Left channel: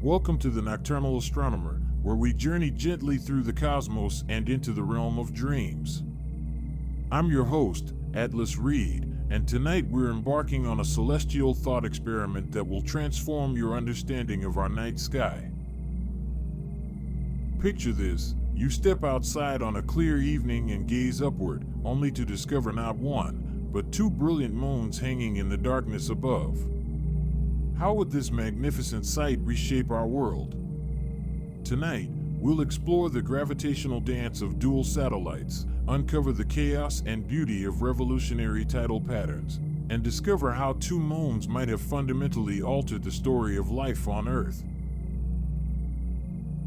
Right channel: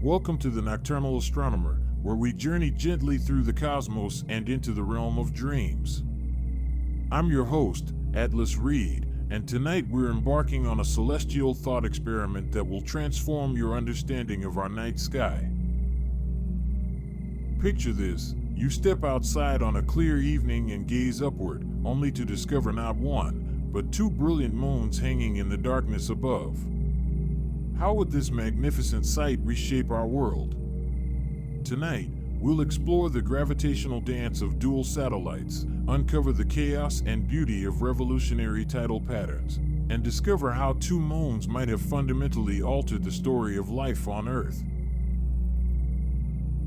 Welcome to the Nocturnal Astronomer, where we journey gently through the cosmos and into the realm of dreams. I'm your host, Atlas Reed, and tonight we're embarking on a celestial thought experiment that will transform your understanding of our night sky. Picture this: you step outside on a clear evening and gaze upward, only to discover not one, but two brilliant moons hanging in the darkness above. How would this magnificent sight reshape our world? Tonight, we'll explore the gravitational dance of dual satellites, uncover the chaos and beauty of revolutionary tidal patterns, and discover how two moons might have fundamentally altered the story of life on Earth.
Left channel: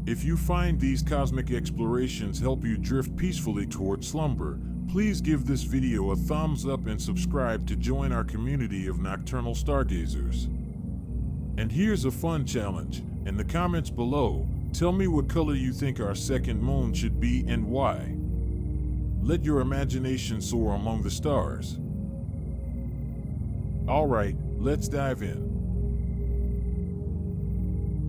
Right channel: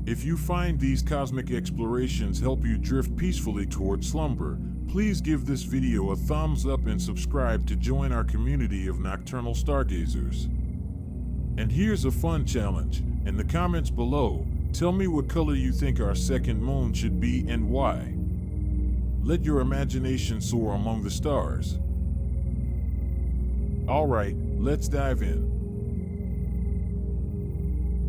If you find these cosmic explorations help you drift peacefully toward slumber, please give this video a thumbs up and subscribe to join our community of nocturnal stargazers. And here's a fun challenge. In the comments below, tell me what color you think our second moon should be and why. Let your imagination soar among the stars. Alright, let's dive in.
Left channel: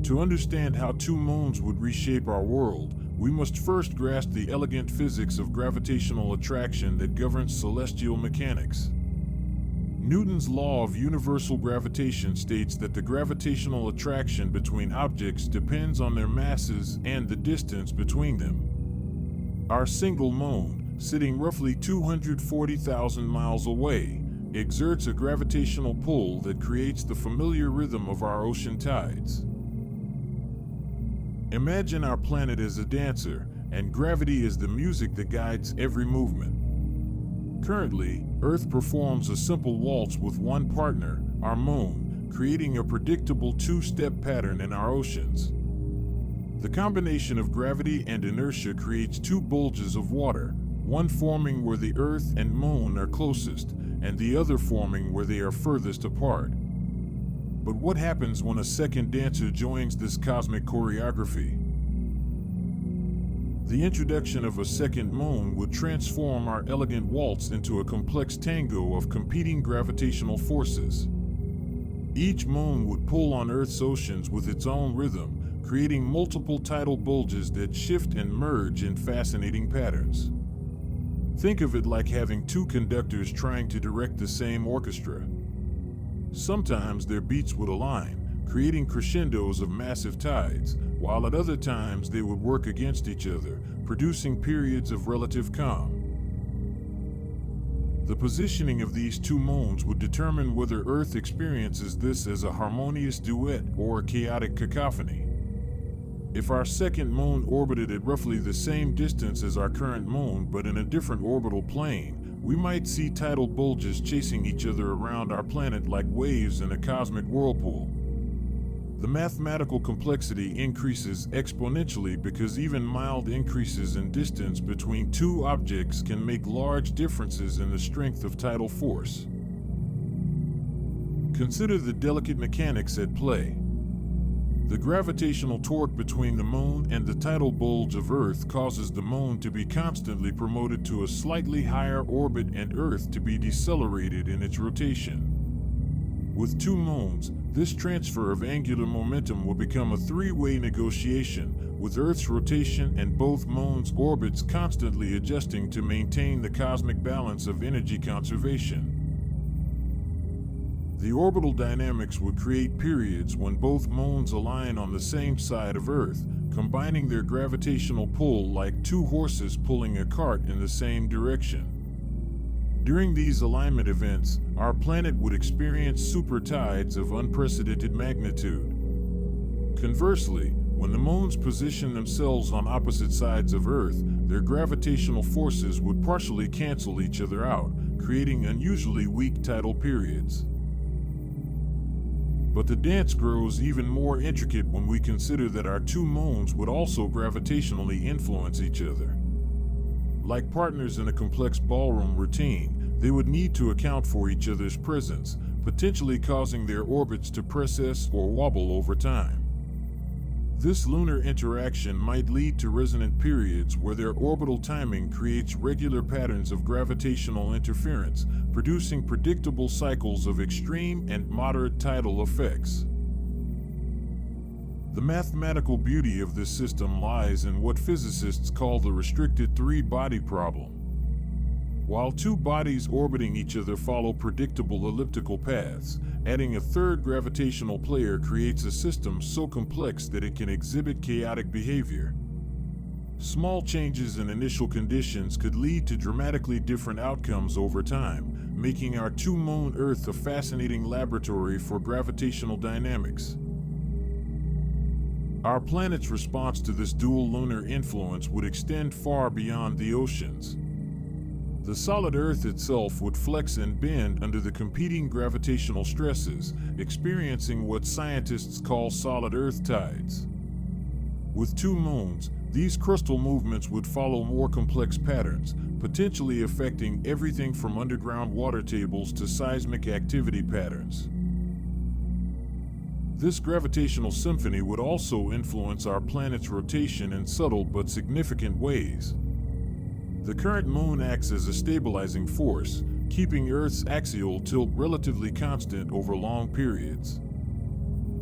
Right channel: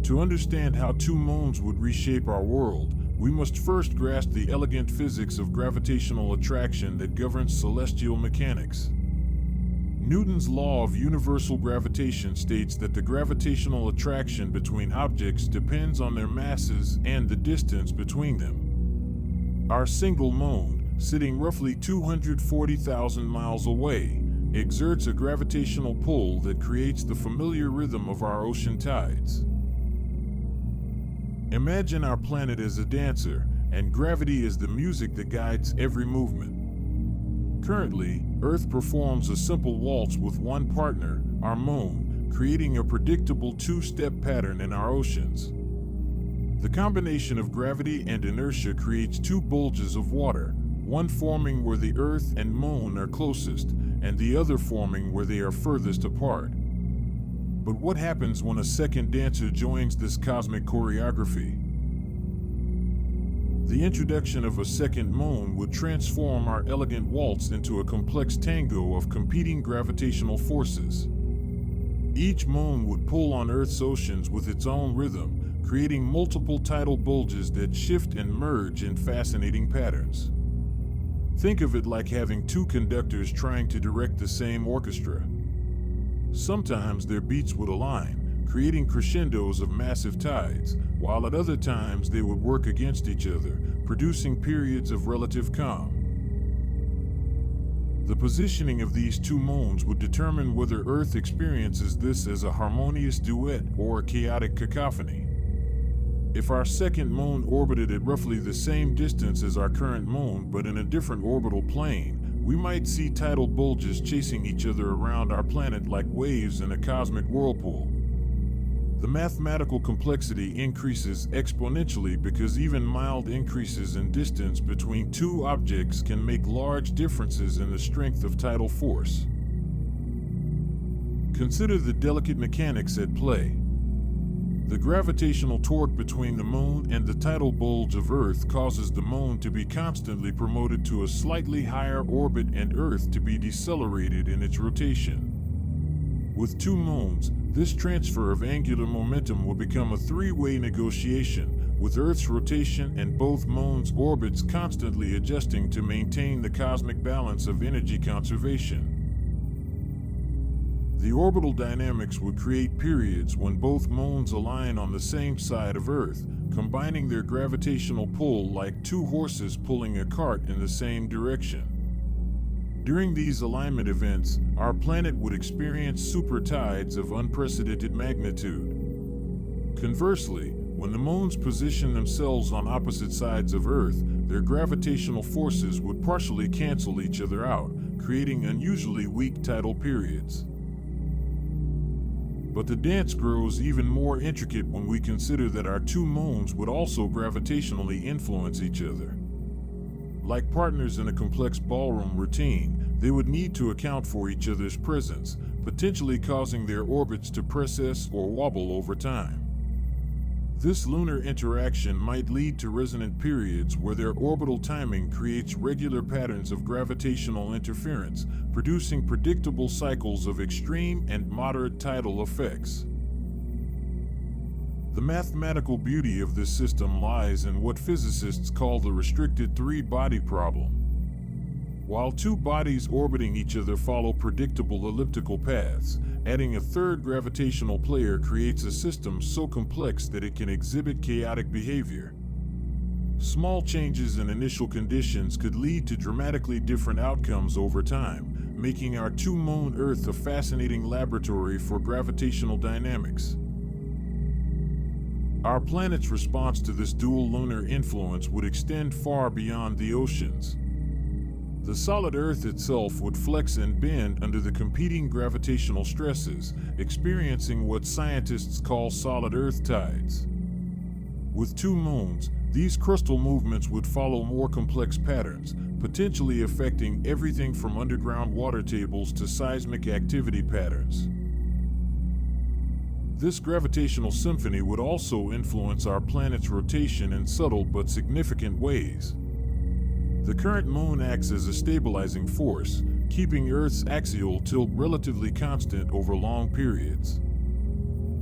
To understand how two moons would reshape our world, we must first grasp the elegant physics of gravitational attraction that governs celestial mechanics. Newton's law of universal gravitation states that the gravitational attraction between objects depends on their masses and the distance between them. Our single moon, sitting roughly 240,000 miles away, exerts a gravitational pull that creates the familiar rhythm of our ocean tides. Imagine our planet as a dancer, and gravity is the music that guides every movement. Currently, Earth performs a simple waltz with one partner, our moon, creating a predictable two-step pattern in our oceans. The combination of gravity and inertia creates two bulges of water, one forming where the Earth and moon are closest, and the other forming where they are furthest apart. But what happens when a second dancer joins this cosmic choreography? The introduction of a second moon would transform our elegant waltz into a complex tango of competing gravitational forces. Each moon would pull on Earth's oceans with its own rhythm, creating multiple tidal bulges that shift and merge in fascinating patterns. Think of it like having two conductors trying to direct the same orchestra. Sometimes their beats would align, creating crescendos of massive tides, while at other times they would work against each other, producing periods of relative calm. The positioning of these two moons would determine whether Earth experiences this as a harmonious duet or a chaotic cacophony. If our second moon orbited at roughly the same distance as our current moon but in a different orbital plane, we might see tidal bulges chasing each other around our planet like waves in a cosmic whirlpool. The mathematical complexity increases exponentially because even mild increases in distance between two objects can make large differences in the strength of tidal force. Consider the delicate mechanics at play. The gravitational torque between the moon and the tidal bulge of Earth causes the moon to be constantly promoted to a slightly higher orbit and Earth to be decelerated in its rotation. With two moons, this transfer of angular momentum will become a three-way negotiation, with Earth's rotation and both moons' orbits constantly adjusting to maintain the cosmic balance of energy conservation. The orbital dynamics would create periods when both moons align on the same side of Earth, combining their gravitational pull like two horses pulling a cart in the same direction. During these alignment events, our planet would experience super tides of unprecedented magnitude. Conversely, when the moons position themselves on opposite sides of Earth, their gravitational forces would partially cancel each other out, creating unusually weak tidal periods. But the dance grows even more intricate when we consider that our two moons would also gravitationally influence each other. Like partners in a complex ballroom routine, they would need to account for each other's presence, potentially causing their orbits to precess or wobble over time. This lunar interaction might lead to resonant periods where their orbital timing creates regular patterns of gravitational interference, producing predictable cycles of extreme and moderate tidal effects. The mathematical beauty of this system lies in what physicists call the restricted three-body problem. While two bodies orbiting each other follow predictable elliptical paths, adding a third gravitational player creates a system so complex that it can exhibit chaotic behavior. Small changes in initial conditions could lead to dramatically different outcomes over time, making our two-moon Earth a fascinating laboratory for gravitational dynamics. Our planet's response to this dual lunar influence would extend far beyond the oceans. The solid Earth itself would flex and bend under the competing gravitational stresses, experiencing what scientists call solid Earth tides. With two moons, these crustal movements would follow more complex patterns, potentially affecting everything from underground water tables to seismic activity patterns. This gravitational symphony would also influence our planet's rotation in subtle but significant ways. The current moon acts as a stabilizing force, keeping Earth's axial tilt relatively constant over long periods.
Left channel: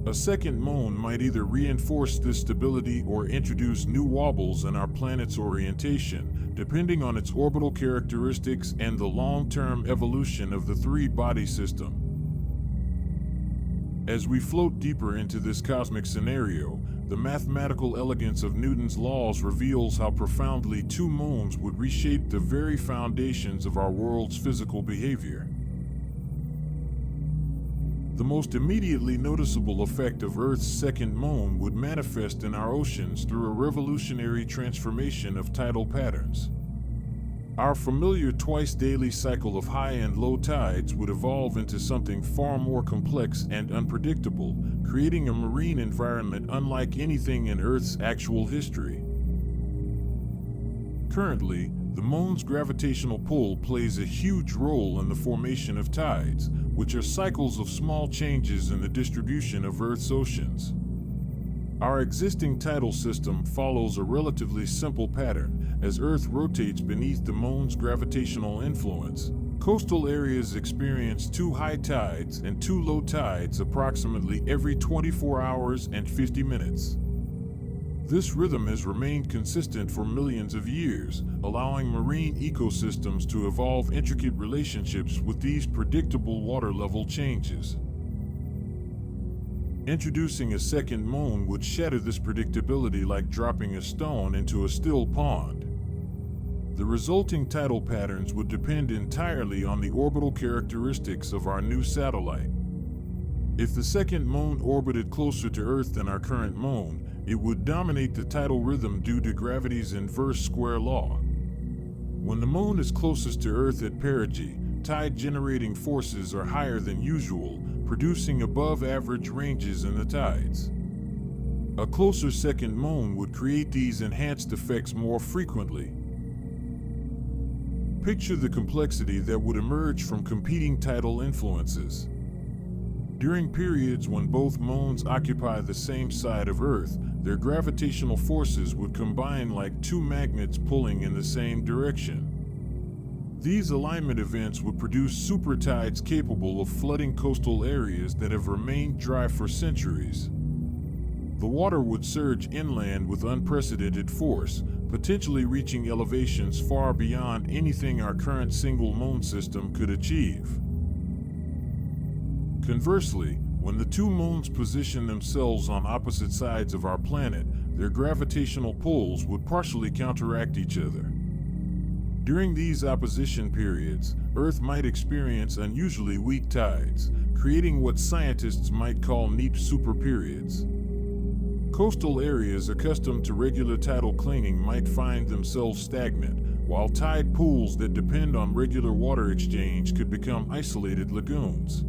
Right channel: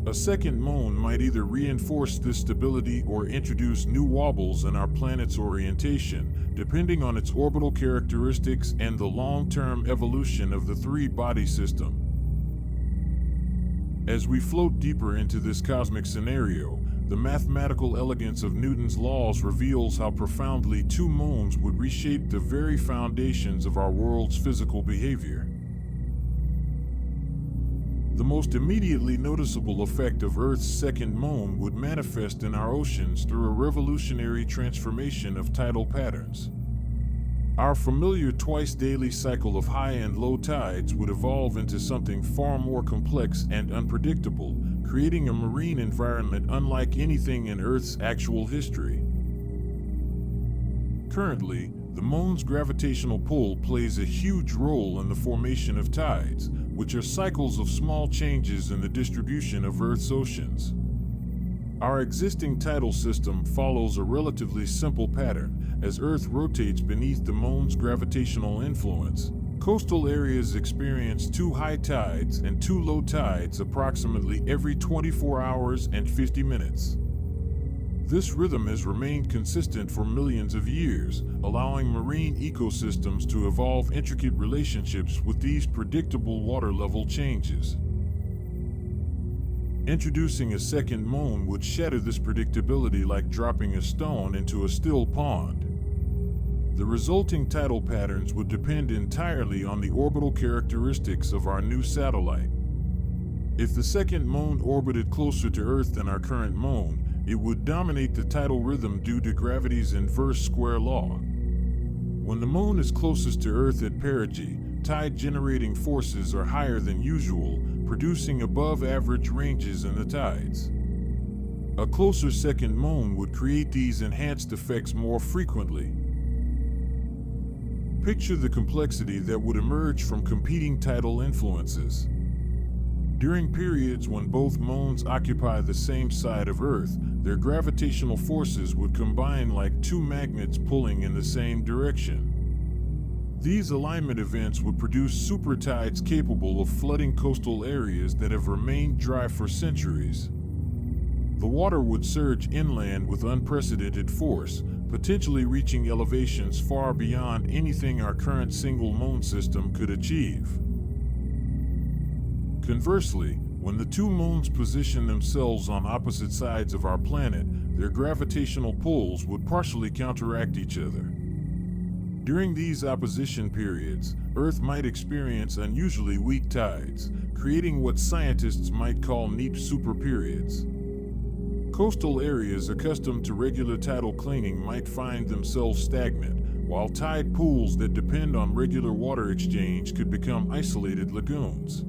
A second moon might either reinforce this stability or introduce new wobbles in our planet's orientation, depending on its orbital characteristics and the long-term evolution of the three-body system. As we float deeper into this cosmic scenario, the mathematical elegance of Newton's laws reveals how profoundly two moons would reshape the very foundations of our world's physical behavior. The most immediately noticeable effect of Earth's second moon would manifest in our oceans through a revolutionary transformation of tidal patterns. Our familiar twice-daily cycle of high and low tides would evolve into something far more complex and unpredictable, creating a marine environment unlike anything in Earth's actual history. Currently, the moon's gravitational pull plays a huge role in the formation of tides, which are cycles of small changes in the distribution of Earth's oceans. Our existing tidal system follows a relatively simple pattern. As Earth rotates beneath the moon's gravitational influence, coastal areas experience two high tides and two low tides approximately every 24 hours and 50 minutes. This rhythm has remained consistent for millions of years, allowing marine ecosystems to evolve intricate relationships with these predictable water level changes. Introducing a second moon would shatter this predictability like dropping a stone into a still pond. The resulting tidal patterns would depend entirely on the orbital characteristics of our new satellite. If the second moon orbited closer to Earth than our current moon, it would dominate the tidal rhythm due to gravity's inverse square law. When the moon is closest to Earth at perigee, tide-generating forces are higher than usual, producing above-average ranges in the tides. A closer second moon would create these enhanced effects more frequently. Picture the complexity that would emerge from competing tidal influences. During periods when both moons occupy the same side of Earth, their gravitational forces would combine like two magnets pulling in the same direction. These alignment events would produce supertides capable of flooding coastal areas that have remained dry for centuries. The water would surge inland with unprecedented force, potentially reaching elevations far beyond anything our current single moon system could achieve. Conversely, when the two moons position themselves on opposite sides of our planet, their gravitational pulls would partially counteract each other. During these opposition periods, Earth might experience unusually weak tides, creating what scientists might call neap superperiods. Coastal areas accustomed to regular tidal clinging might find themselves stagnant, while tide pools that depend on regular water exchange could become isolated lagoons.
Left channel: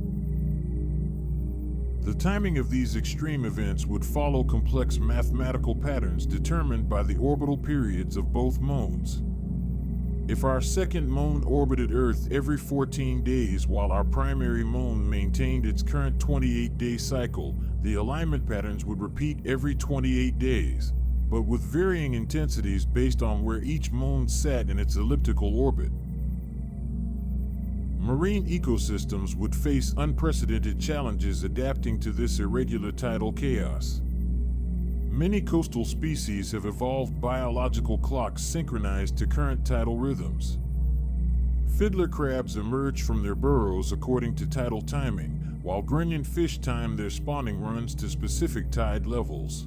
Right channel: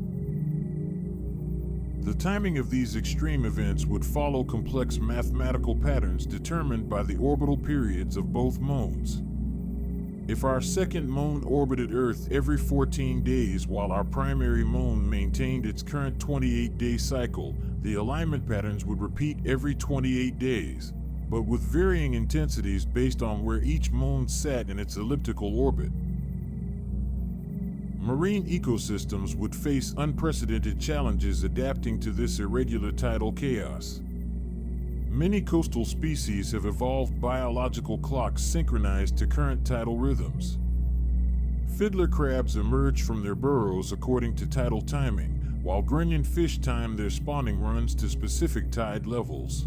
The timing of these extreme events would follow complex mathematical patterns determined by the orbital periods of both moons. If our second moon orbited Earth every 14 days while our primary moon maintained its current 28-day cycle, the alignment patterns would repeat every 28 days, but with varying intensities based on where each moon sat in its elliptical orbit. Marine ecosystems would face unprecedented challenges adapting to this irregular tidal chaos. Many coastal species have evolved biological clocks synchronized to current tidal rhythms. Fiddler crabs emerge from their burrows according to tidal timing, while grunion fish time their spawning runs to specific tide levels.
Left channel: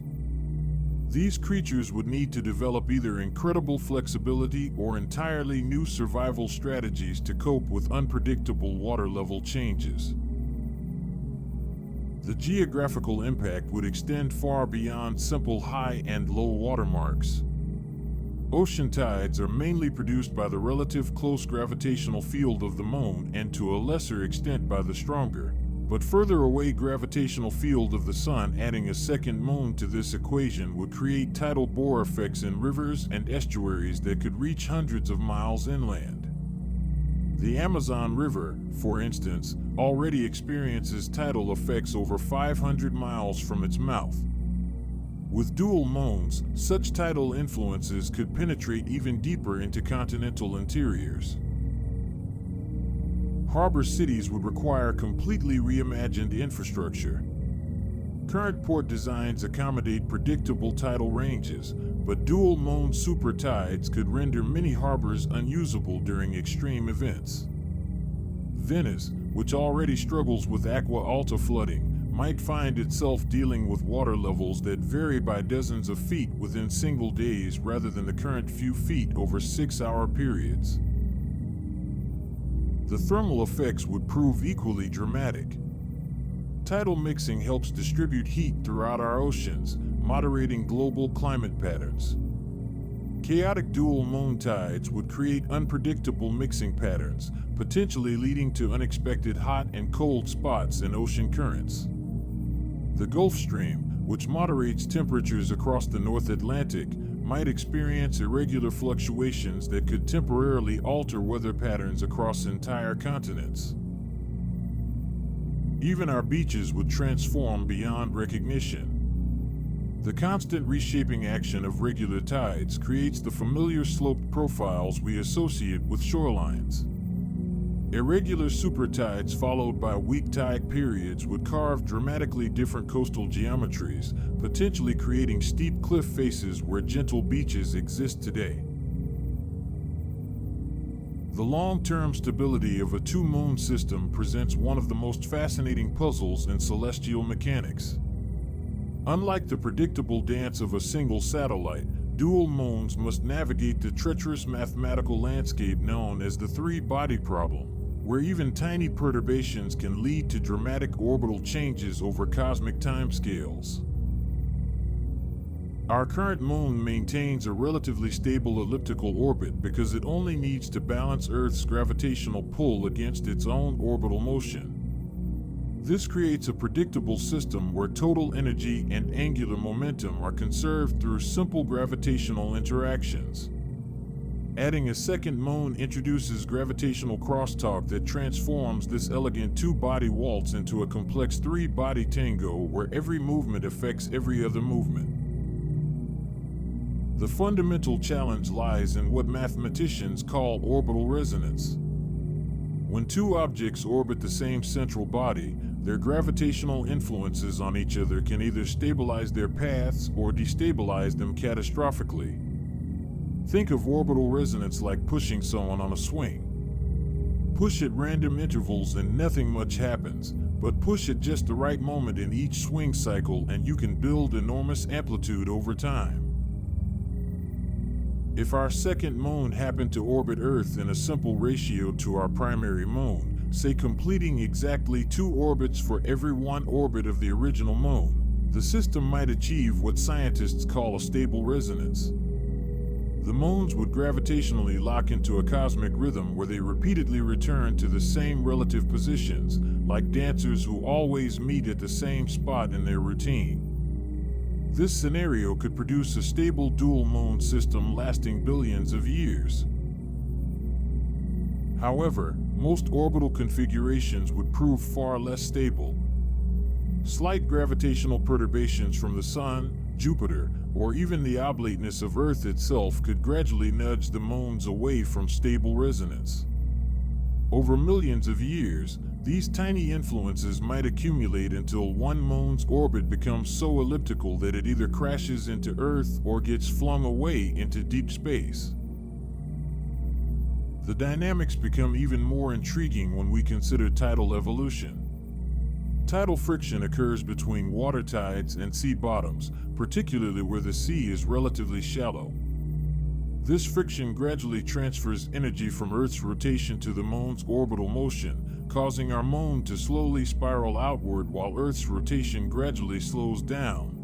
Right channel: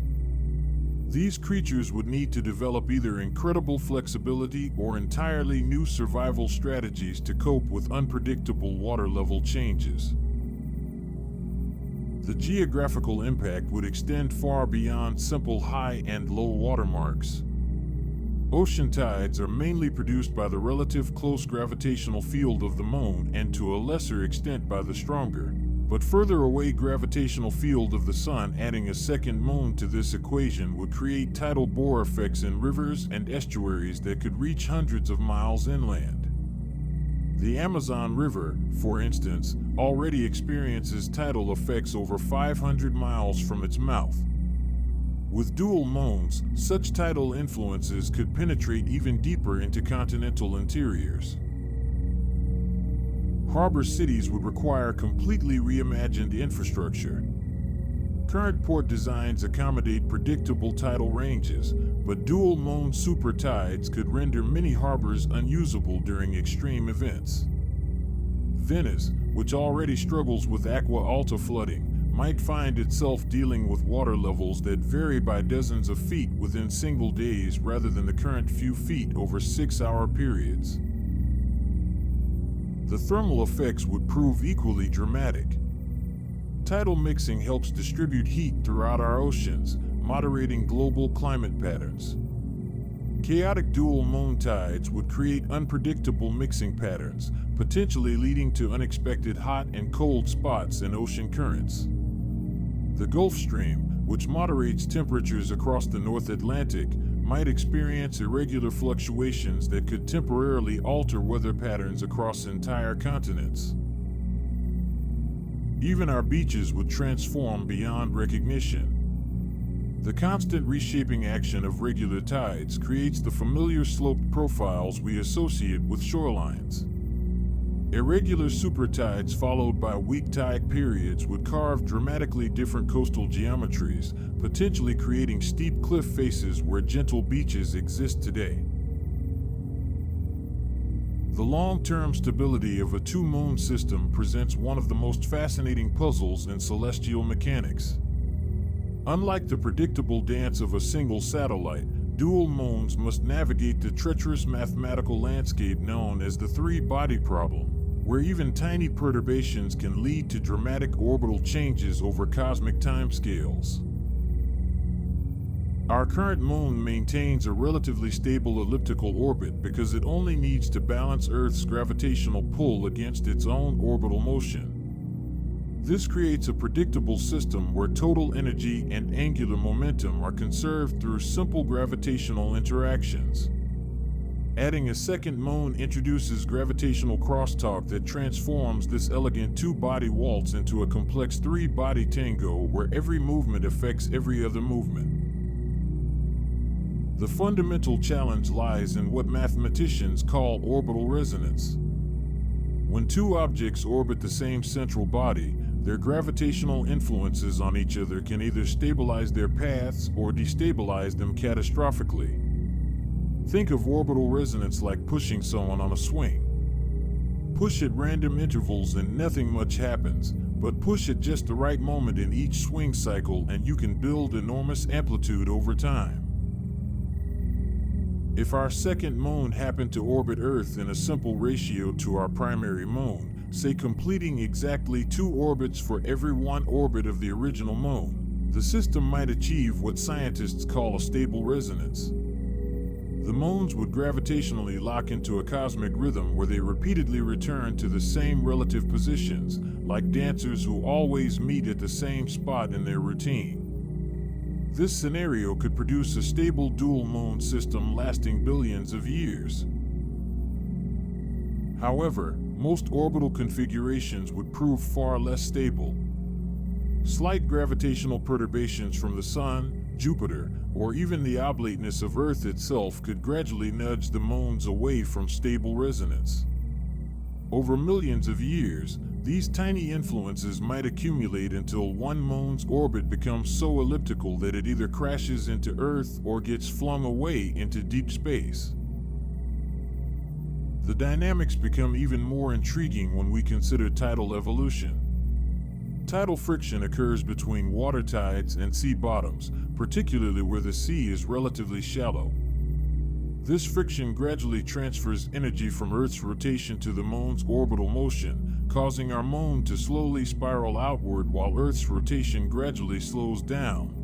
These creatures would need to develop either incredible flexibility or entirely new survival strategies to cope with unpredictable water level changes. The geographical impact would extend far beyond simple high and low water marks. Ocean tides are mainly produced by the relative close gravitational field of the moon and to a lesser extent by the stronger, but further away gravitational field of the sun. Adding a second moon to this equation would create tidal bore effects in rivers and estuaries that could reach hundreds of miles inland. The Amazon River, for instance, already experiences tidal effects over 500 miles from its mouth. With dual moons, such tidal influences could penetrate even deeper into continental interiors. Harbor cities would require completely reimagined infrastructure. Current port designs accommodate predictable tidal ranges, but dual moon super tides could render many harbors unusable during extreme events. Venice, which already struggles with aqua alta flooding, might find itself dealing with water levels that vary by dozens of feet within single days rather than the current few feet over 6-hour periods. The thermal effects would prove equally dramatic. Tidal mixing helps distribute heat throughout our oceans, moderating global climate patterns. Chaotic dual moon tides would create unpredictable mixing patterns, potentially leading to unexpected hot and cold spots in ocean currents. The Gulf Stream, which moderates temperatures across the North Atlantic, might experience irregular fluctuations that could temporarily alter weather patterns across entire continents. Even our beaches would transform beyond recognition. The constant reshaping action of regular tides creates the familiar sloped profiles we associate with shorelines. Irregular supertides followed by weak tide periods would carve dramatically different coastal geometries, potentially creating steep cliff faces where gentle beaches exist today. The long-term stability of a two-moon system presents one of the most fascinating puzzles in celestial mechanics. Unlike the predictable dance of a single satellite, dual moons must navigate the treacherous mathematical landscape known as the three-body problem, where even tiny perturbations can lead to dramatic orbital changes over cosmic timescales. Our current moon maintains a relatively stable elliptical orbit because it only needs to balance Earth's gravitational pull against its own orbital motion. This creates a predictable system where total energy and angular momentum are conserved through simple gravitational interactions. Adding a second moon introduces gravitational crosstalk that transforms this elegant two-body waltz into a complex three-body tango where every movement affects every other movement. The fundamental challenge lies in what mathematicians call orbital resonance. When two objects orbit the same central body, their gravitational influences on each other can either stabilize their paths or destabilize them catastrophically. Think of orbital resonance like pushing someone on a swing. Push at random intervals and nothing much happens, but push at just the right moment in each swing cycle and you can build enormous amplitude over time. If our second moon happened to orbit Earth in a simple ratio to our primary moon, say completing exactly 2 orbits for every 1 orbit of the original moon, the system might achieve what scientists call a stable resonance. The moons would gravitationally lock into a cosmic rhythm where they repeatedly return to the same relative positions, like dancers who always meet at the same spot in their routine. This scenario could produce a stable dual moon system lasting billions of years. However, most orbital configurations would prove far less stable. Slight gravitational perturbations from the Sun, Jupiter, or even the oblateness of Earth itself could gradually nudge the moons away from stable resonance. Over millions of years, these tiny influences might accumulate until one moon's orbit becomes so elliptical that it either crashes into Earth or gets flung away into deep space. The dynamics become even more intriguing when we consider tidal evolution. Tidal friction occurs between water tides and sea bottoms, particularly where the sea is relatively shallow. This friction gradually transfers energy from Earth's rotation to the moon's orbital motion, causing our moon to slowly spiral outward while Earth's rotation gradually slows down.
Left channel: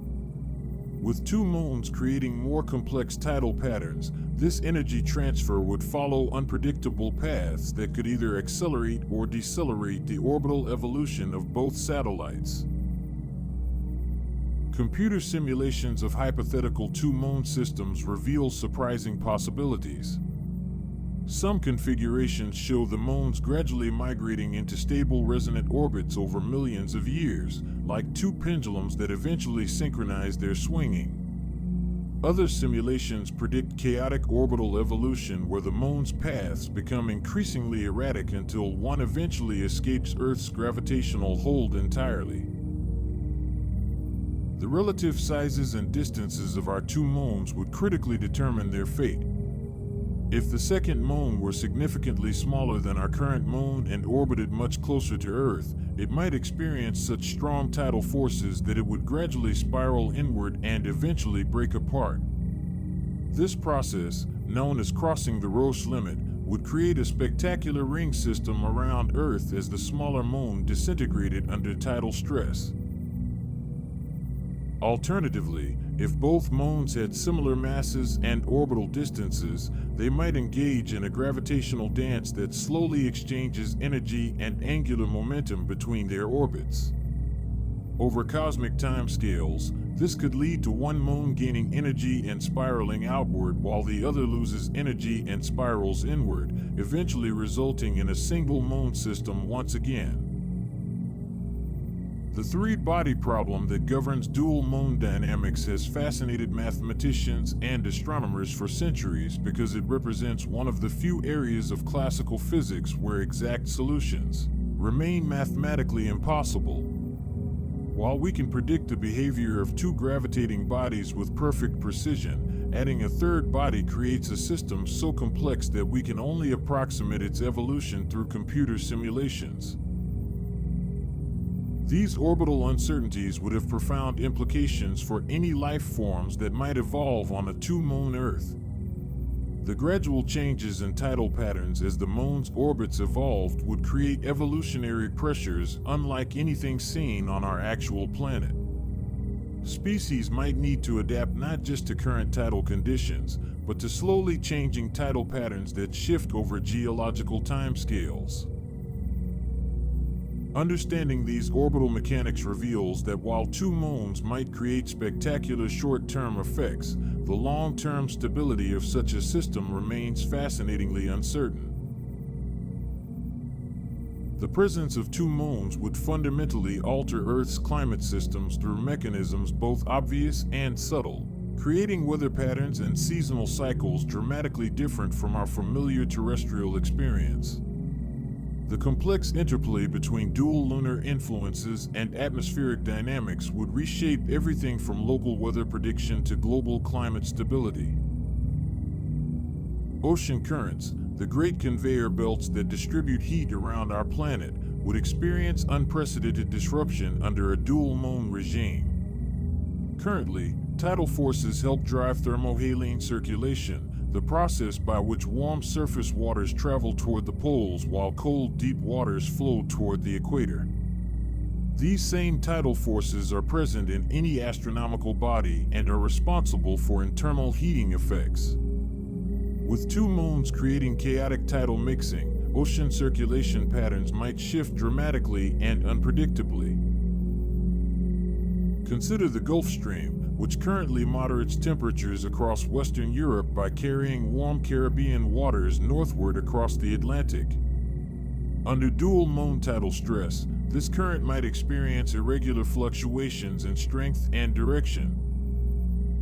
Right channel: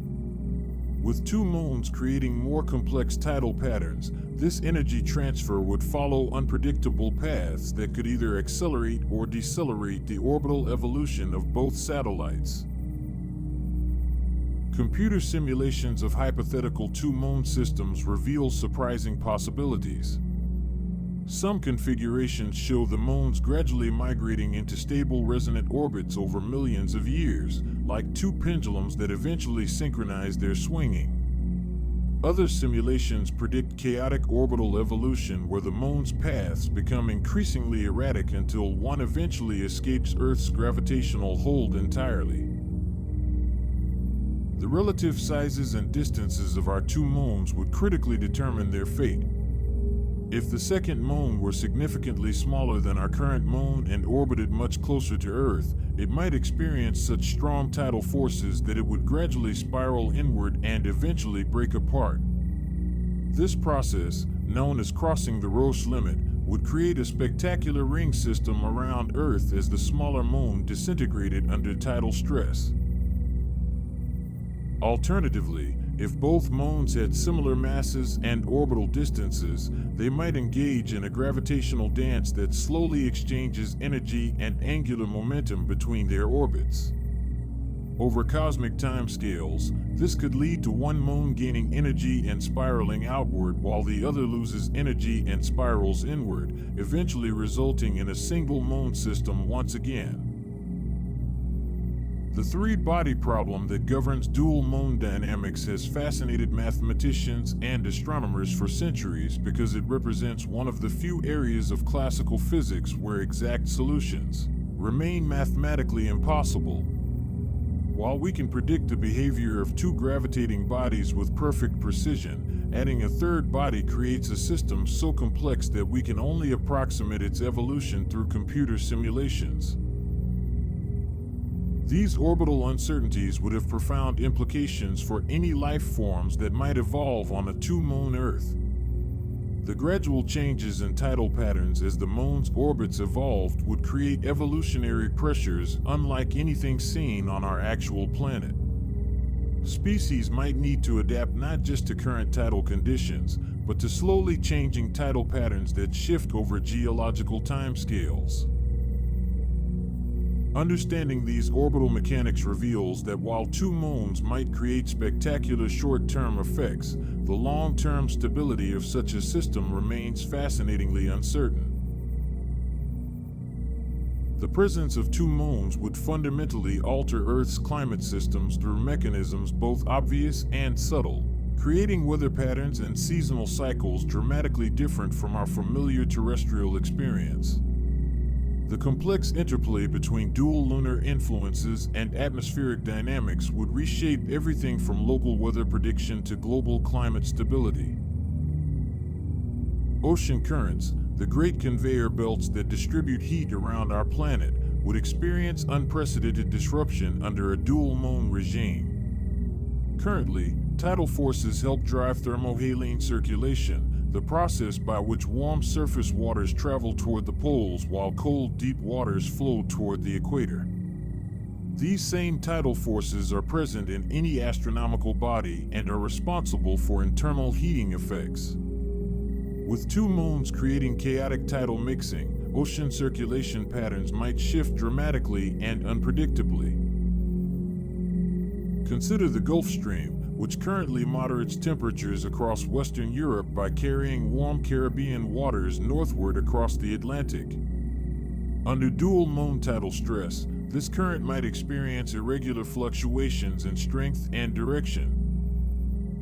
With two moons creating more complex tidal patterns, this energy transfer would follow unpredictable paths that could either accelerate or decelerate the orbital evolution of both satellites. Computer simulations of hypothetical two-moon systems reveal surprising possibilities. Some configurations show the moons gradually migrating into stable resonant orbits over millions of years, like two pendulums that eventually synchronize their swinging. Other simulations predict chaotic orbital evolution where the moon's paths become increasingly erratic until one eventually escapes Earth's gravitational hold entirely. The relative sizes and distances of our two moons would critically determine their fate. If the second moon were significantly smaller than our current moon and orbited much closer to Earth, it might experience such strong tidal forces that it would gradually spiral inward and eventually break apart. This process, known as crossing the Roche limit, would create a spectacular ring system around Earth as the smaller moon disintegrated under tidal stress. Alternatively, if both moons had similar masses and orbital distances, they might engage in a gravitational dance that slowly exchanges energy and angular momentum between their orbits. Over cosmic timescales, this could lead to one moon gaining energy and spiraling outward while the other loses energy and spirals inward, eventually resulting in a single moon system once again. The three-body problem that governs dual moon dynamics has fascinated mathematicians and astronomers for centuries because it represents one of the few areas of classical physics where exact solutions remain mathematically impossible. While we can predict the behavior of two gravitating bodies with perfect precision, adding a third body creates a system so complex that we can only approximate its evolution through computer simulations. These orbital uncertainties would have profound implications for any life forms that might evolve on a two-moon Earth. The gradual changes in tidal patterns as the moon's orbits evolved would create evolutionary pressures unlike anything seen on our actual planet. Species might need to adapt not just to current tidal conditions, but to slowly changing tidal patterns that shift over geological timescales. Understanding these orbital mechanics reveals that while two moons might create spectacular short-term effects, the long-term stability of such a system remains fascinatingly uncertain. The presence of two moons would fundamentally alter Earth's climate systems through mechanisms both obvious and subtle, creating weather patterns and seasonal cycles dramatically different from our familiar terrestrial experience. The complex interplay between dual lunar influences and atmospheric dynamics would reshape everything from local weather prediction to global climate stability. Ocean currents, the great conveyor belts that distribute heat around our planet, would experience unprecedented disruption under a dual moon regime. Currently, tidal forces help drive thermohaline circulation, the process by which warm surface waters travel toward the poles while cold, deep waters flow toward the equator. These same tidal forces are present in any astronomical body and are responsible for internal heating effects. With two moons creating chaotic tidal mixing, ocean circulation patterns might shift dramatically and unpredictably. Consider the Gulf Stream, which currently moderates temperatures across Western Europe by carrying warm Caribbean waters northward across the Atlantic. Under dual moon tidal stress, this current might experience irregular fluctuations in strength and direction.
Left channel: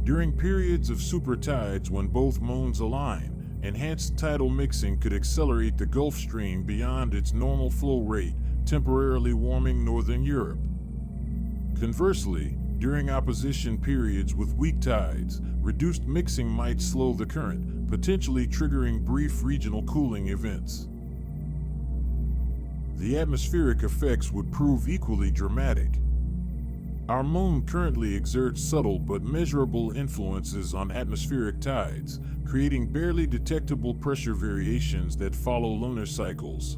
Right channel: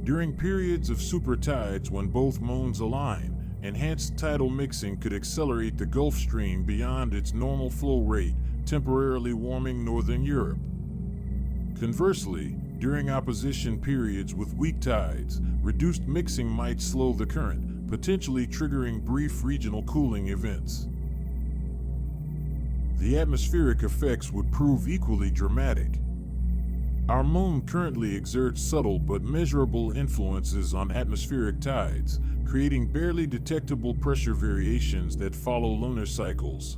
During periods of supertides when both moons align, enhanced tidal mixing could accelerate the Gulf Stream beyond its normal flow rate, temporarily warming northern Europe. Conversely, during opposition periods with weak tides, reduced mixing might slow the current, potentially triggering brief regional cooling events. The atmospheric effects would prove equally dramatic. Our moon currently exerts subtle but measurable influences on atmospheric tides, creating barely detectable pressure variations that follow lunar cycles.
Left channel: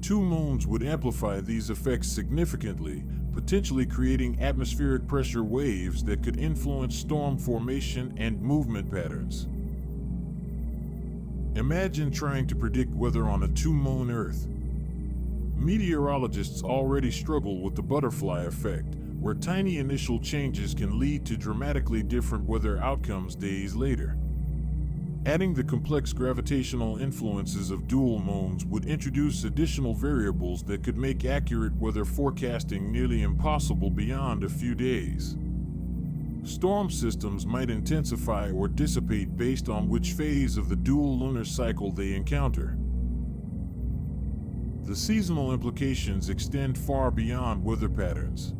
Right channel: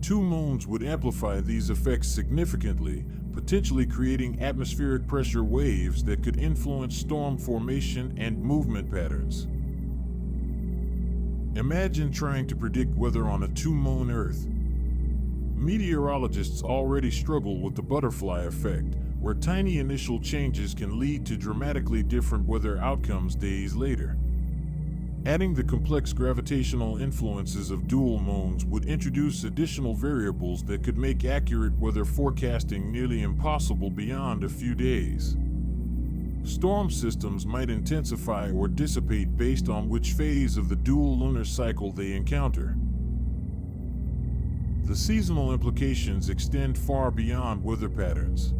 Two moons would amplify these effects significantly, potentially creating atmospheric pressure waves that could influence storm formation and movement patterns. Imagine trying to predict weather on a two-moon Earth. Meteorologists already struggle with the butterfly effect, where tiny initial changes can lead to dramatically different weather outcomes days later. Adding the complex gravitational influences of dual moons would introduce additional variables that could make accurate weather forecasting nearly impossible beyond a few days. Storm systems might intensify or dissipate based on which phase of the dual lunar cycle they encounter. The seasonal implications extend far beyond weather patterns.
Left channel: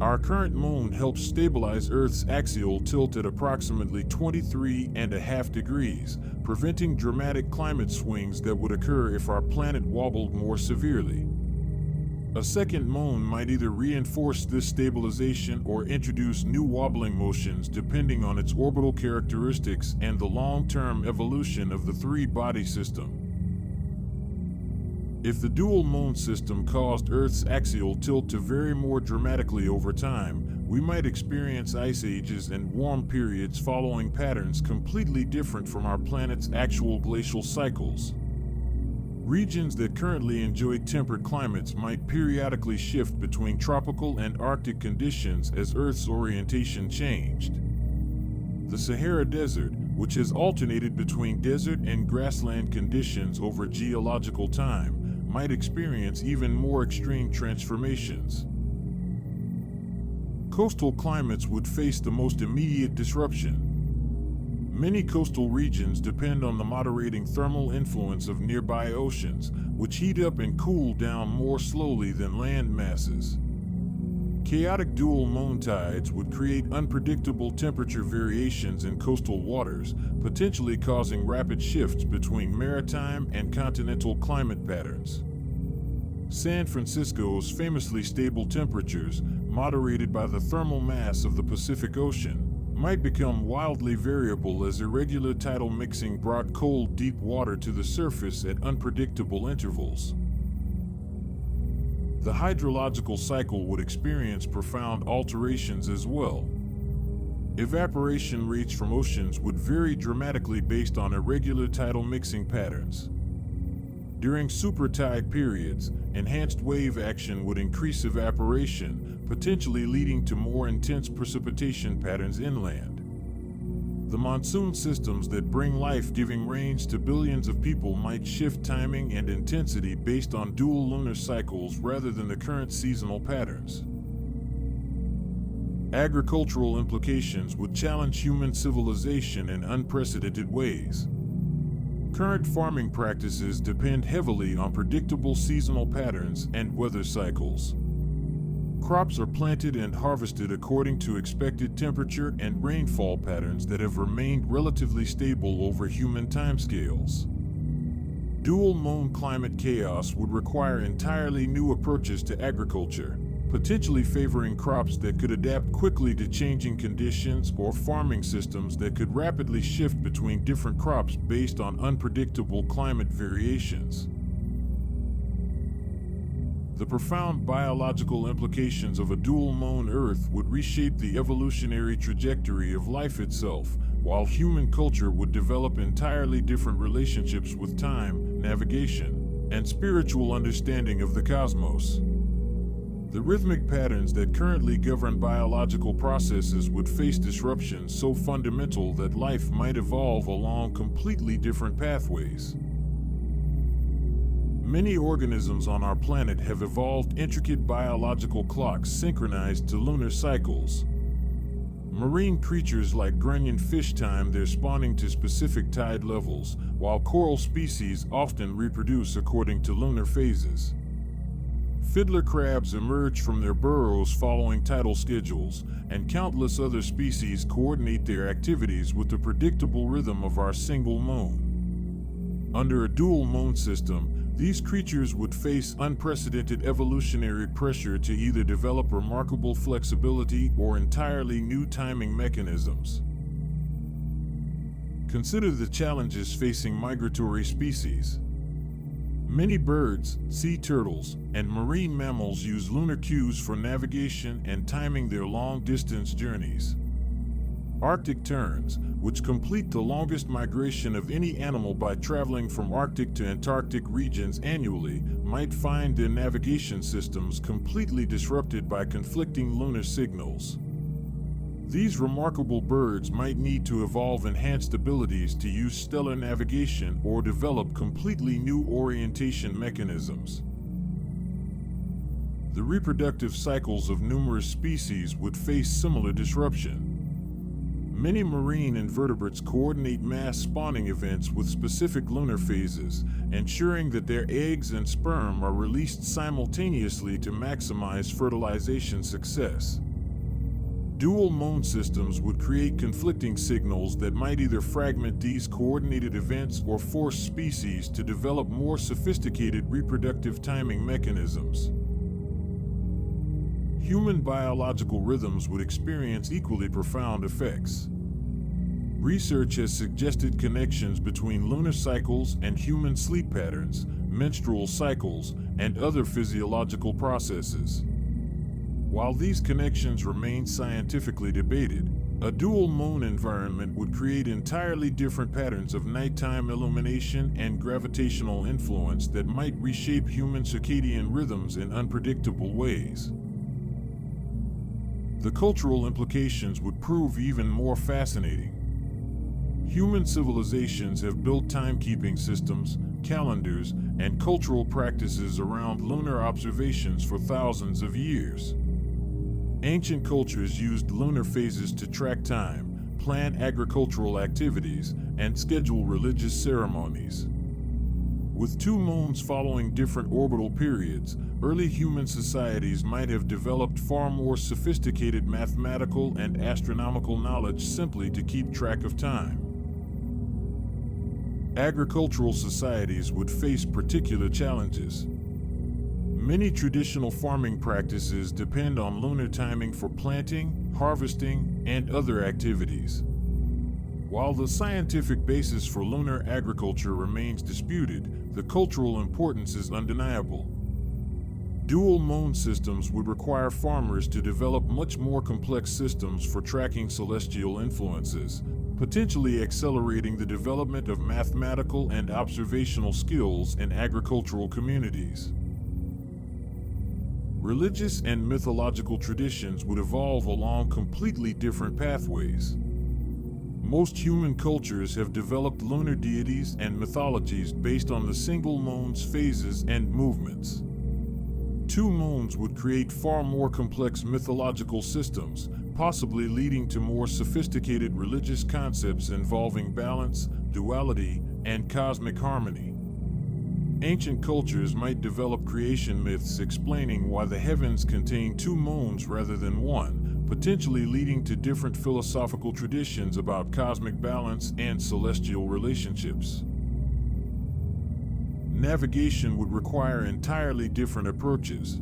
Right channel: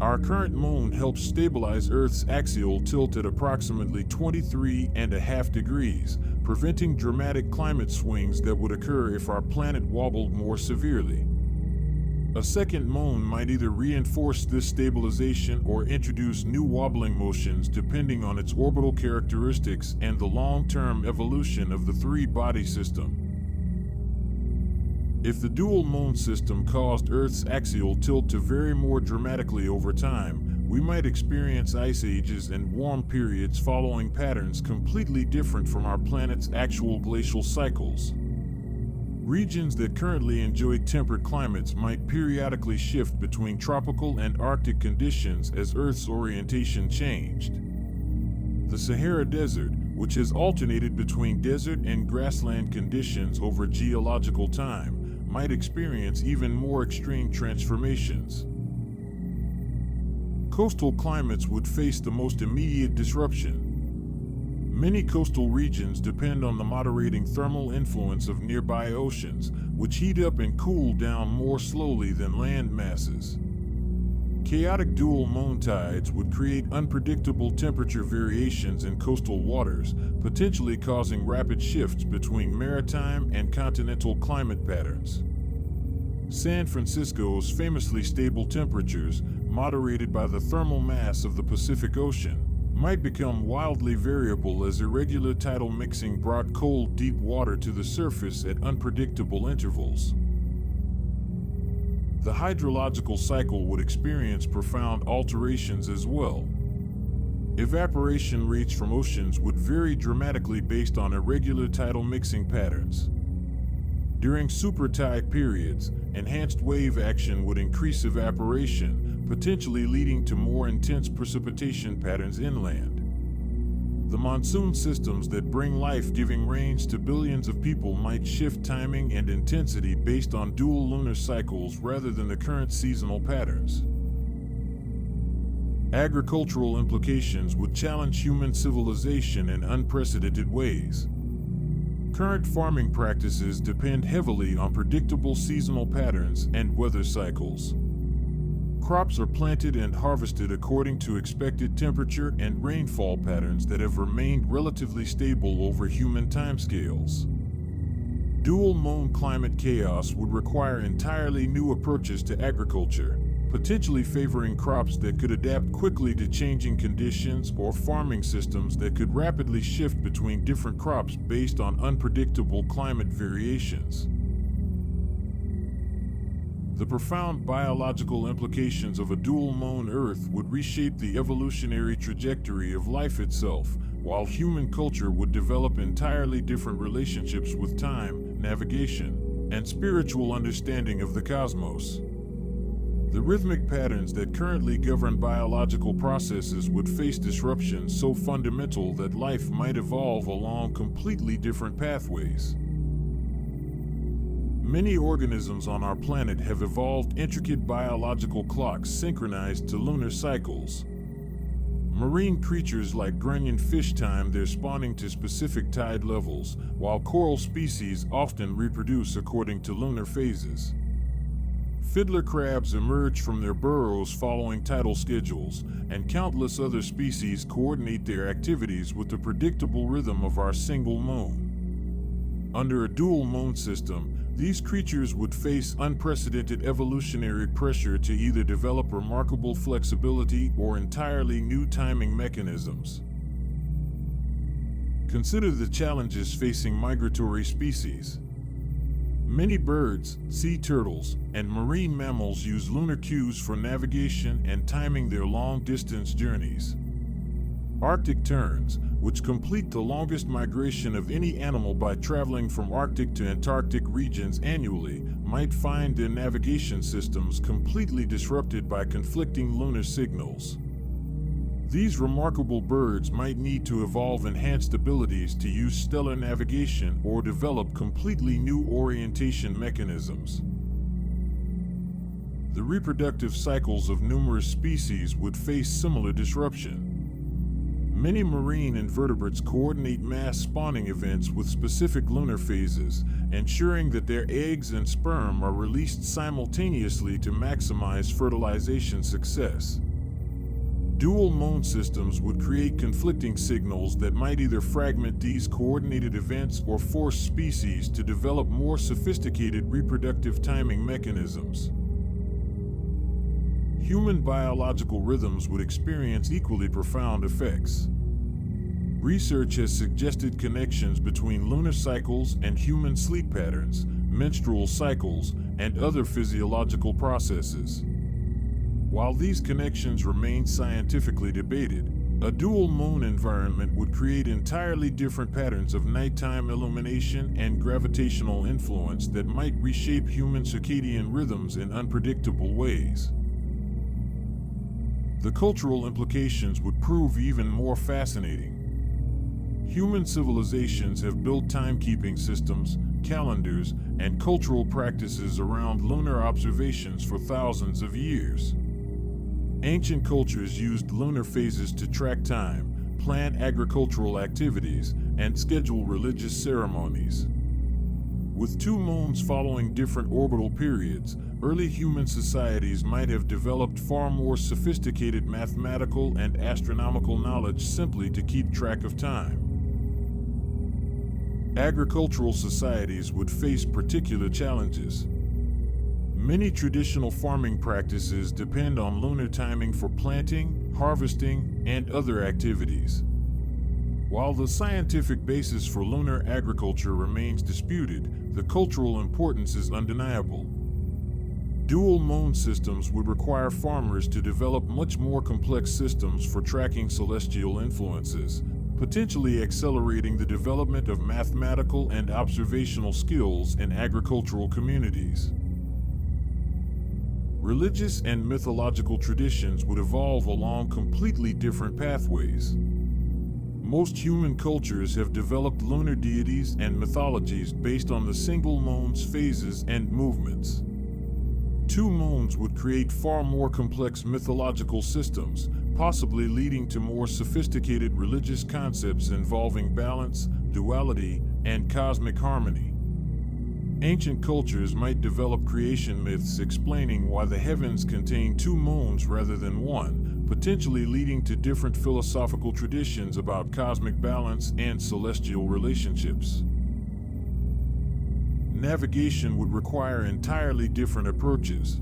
Our current moon helps stabilize Earth's axial tilt at approximately 23.5 degrees, preventing dramatic climate swings that would occur if our planet wobbled more severely. A second moon might either reinforce this stabilization or introduce new wobbling motions depending on its orbital characteristics and the long-term evolution of the three-body system. If the dual moon system caused Earth's axial tilt to vary more dramatically over time, we might experience ice ages and warm periods following patterns completely different from our planet's actual glacial cycles. Regions that currently enjoy temperate climates might periodically shift between tropical and Arctic conditions as Earth's orientation changed. The Sahara Desert, which has alternated between desert and grassland conditions over geological time, might experience even more extreme transformations. Coastal climates would face the most immediate disruption. Many coastal regions depend on the moderating thermal influence of nearby oceans, which heat up and cool down more slowly than land masses. Chaotic dual moon tides would create unpredictable temperature variations in coastal waters, potentially causing rapid shifts between maritime and continental climate patterns. San Francisco's famously stable temperatures, moderated by the thermal mass of the Pacific Ocean, might become wildly variable as irregular tidal mixing brought cold, deep water to the surface at unpredictable intervals. The hydrological cycle would experience profound alterations as well. Evaporation rates from oceans would vary dramatically based on irregular tidal mixing patterns. During supertide periods, enhanced wave action would increase evaporation, potentially leading to more intense precipitation patterns inland. The monsoon systems that bring life-giving rains to billions of people might shift timing and intensity based on dual lunar cycles rather than the current seasonal patterns. Agricultural implications would challenge human civilization in unprecedented ways. Current farming practices depend heavily on predictable seasonal patterns and weather cycles. Crops are planted and harvested according to expected temperature and rainfall patterns that have remained relatively stable over human timescales. Dual moon climate chaos would require entirely new approaches to agriculture, potentially favoring crops that could adapt quickly to changing conditions or farming systems that could rapidly shift between different crops based on unpredictable climate variations. The profound biological implications of a dual moon Earth would reshape the evolutionary trajectory of life itself, while human culture would develop entirely different relationships with time, navigation, and spiritual understanding of the cosmos. The rhythmic patterns that currently govern biological processes would face disruptions so fundamental that life might evolve along completely different pathways. Many organisms on our planet have evolved intricate biological clocks synchronized to lunar cycles. Marine creatures like grunion fish time their spawning to specific tide levels, while coral species often reproduce according to lunar phases. Fiddler crabs emerge from their burrows following tidal schedules, and countless other species coordinate their activities with the predictable rhythm of our single moon. Under a dual moon system, these creatures would face unprecedented evolutionary pressure to either develop remarkable flexibility or entirely new timing mechanisms. Consider the challenges facing migratory species. Many birds, sea turtles, and marine mammals use lunar cues for navigation and timing their long-distance journeys. Arctic terns, which complete the longest migration of any animal by traveling from Arctic to Antarctic regions annually, might find their navigation systems completely disrupted by conflicting lunar signals. These remarkable birds might need to evolve enhanced abilities to use stellar navigation or develop completely new orientation mechanisms. The reproductive cycles of numerous species would face similar disruption. Many marine invertebrates coordinate mass spawning events with specific lunar phases, ensuring that their eggs and sperm are released simultaneously to maximize fertilization success. Dual moon systems would create conflicting signals that might either fragment these coordinated events or force species to develop more sophisticated reproductive timing mechanisms. Human biological rhythms would experience equally profound effects. Research has suggested connections between lunar cycles and human sleep patterns, menstrual cycles, and other physiological processes. While these connections remain scientifically debated, a dual moon environment would create entirely different patterns of nighttime illumination and gravitational influence that might reshape human circadian rhythms in unpredictable ways. The cultural implications would prove even more fascinating. Human civilizations have built timekeeping systems, calendars, and cultural practices around lunar observations for thousands of years. Ancient cultures used lunar phases to track time, plan agricultural activities, and schedule religious ceremonies. With two moons following different orbital periods, early human societies might have developed far more sophisticated mathematical and astronomical knowledge simply to keep track of time. Agricultural societies would face particular challenges. Many traditional farming practices depend on lunar timing for planting, harvesting, and other activities. While the scientific basis for lunar agriculture remains disputed, the cultural importance is undeniable. Dual moon systems would require farmers to develop much more complex systems for tracking celestial influences, potentially accelerating the development of mathematical and observational skills in agricultural communities. Religious and mythological traditions would evolve along completely different pathways. Most human cultures have developed lunar deities and mythologies based on the single moon's phases and movements. Two moons would create far more complex mythological systems, possibly leading to more sophisticated religious concepts involving balance, duality, and cosmic harmony. Ancient cultures might develop creation myths explaining why the heavens contain two moons rather than one, potentially leading to different philosophical traditions about cosmic balance and celestial relationships. Navigation would require entirely different approaches.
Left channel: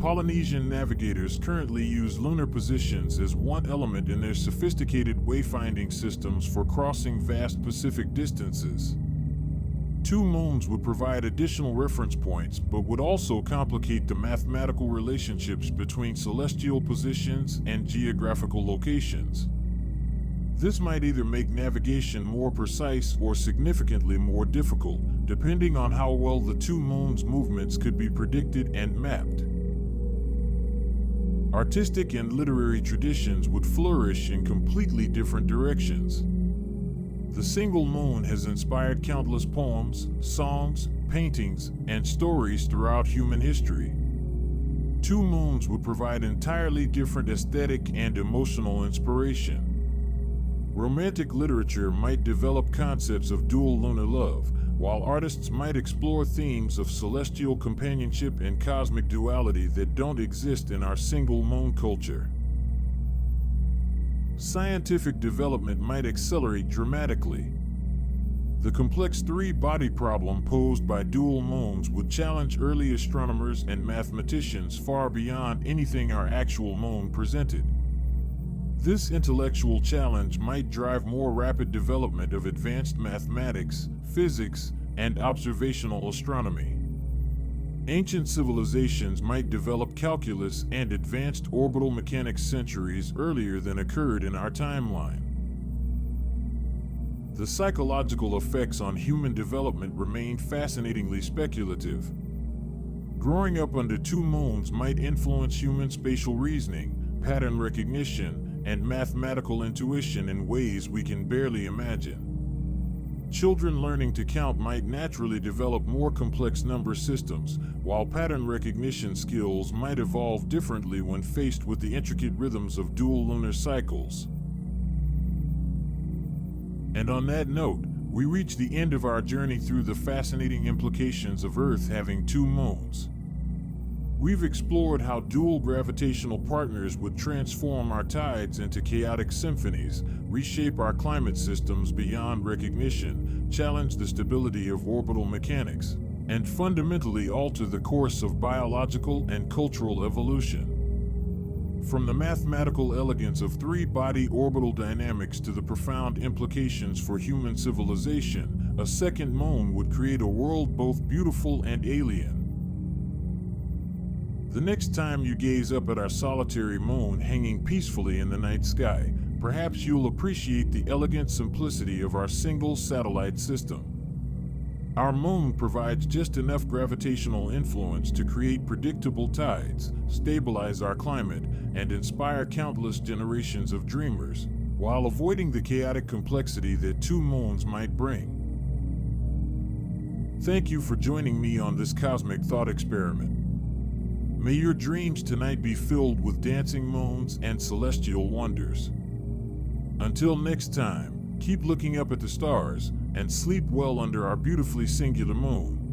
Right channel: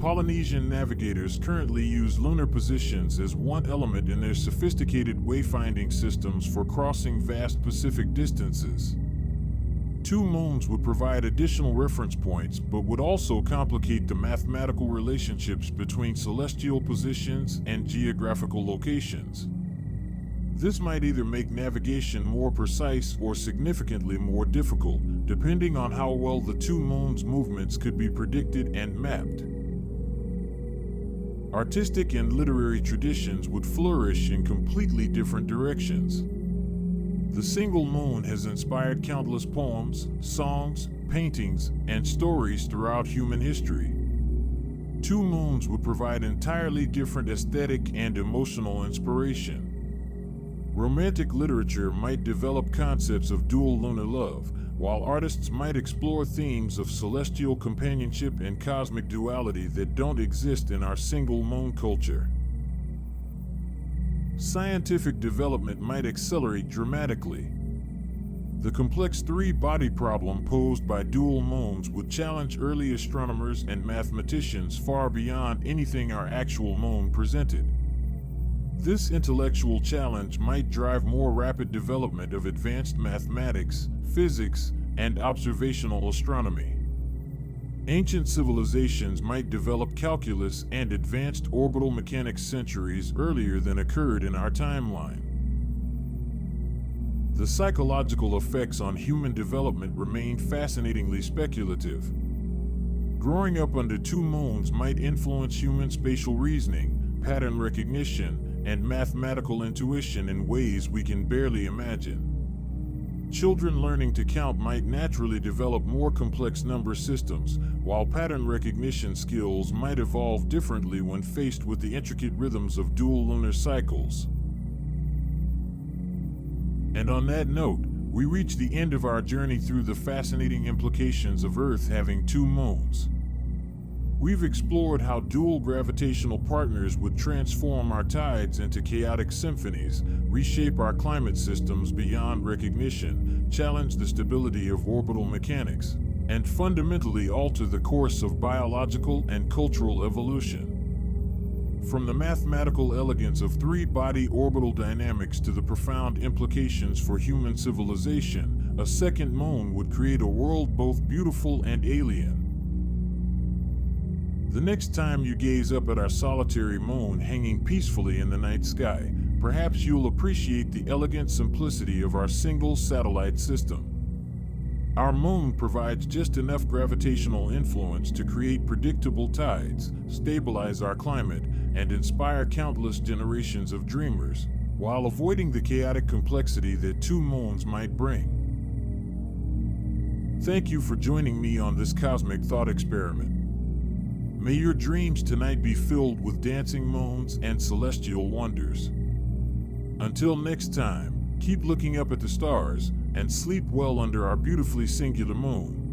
Polynesian navigators currently use lunar positions as one element in their sophisticated wayfinding systems for crossing vast Pacific distances. Two moons would provide additional reference points, but would also complicate the mathematical relationships between celestial positions and geographical locations. This might either make navigation more precise or significantly more difficult, depending on how well the two moons' movements could be predicted and mapped. Artistic and literary traditions would flourish in completely different directions. The single moon has inspired countless poems, songs, paintings, and stories throughout human history. Two moons would provide entirely different aesthetic and emotional inspiration. Romantic literature might develop concepts of dual lunar love, while artists might explore themes of celestial companionship and cosmic duality that don't exist in our single moon culture. Scientific development might accelerate dramatically. The complex three-body problem posed by dual moons would challenge early astronomers and mathematicians far beyond anything our actual moon presented. This intellectual challenge might drive more rapid development of advanced mathematics, physics, and observational astronomy. Ancient civilizations might develop calculus and advanced orbital mechanics centuries earlier than occurred in our timeline. The psychological effects on human development remain fascinatingly speculative. Growing up under two moons might influence human spatial reasoning, pattern recognition, and mathematical intuition in ways we can barely imagine. Children learning to count might naturally develop more complex number systems, while pattern recognition skills might evolve differently when faced with the intricate rhythms of dual lunar cycles. And on that note, we reach the end of our journey through the fascinating implications of Earth having two moons. We've explored how dual gravitational partners would transform our tides into chaotic symphonies, reshape our climate systems beyond recognition, challenge the stability of orbital mechanics, and fundamentally alter the course of biological and cultural evolution. From the mathematical elegance of three-body orbital dynamics to the profound implications for human civilization, a second moon would create a world both beautiful and alien. The next time you gaze up at our solitary moon hanging peacefully in the night sky, perhaps you'll appreciate the elegant simplicity of our single satellite system. Our moon provides just enough gravitational influence to create predictable tides, stabilize our climate, and inspire countless generations of dreamers, while avoiding the chaotic complexity that two moons might bring. Thank you for joining me on this cosmic thought experiment. May your dreams tonight be filled with dancing moons and celestial wonders. Until next time, keep looking up at the stars and sleep well under our beautifully singular moon.